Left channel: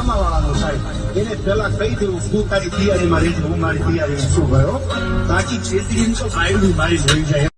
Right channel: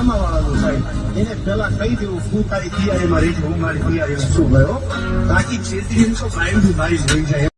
સામાવાળાનો સાહેબ એને પેલા કહી દેવું શું તારી તૈયારીમાં રહી હું મારી તૈયારીમાં શું ગયો બાકી છેતરી મારી જોઈ જાય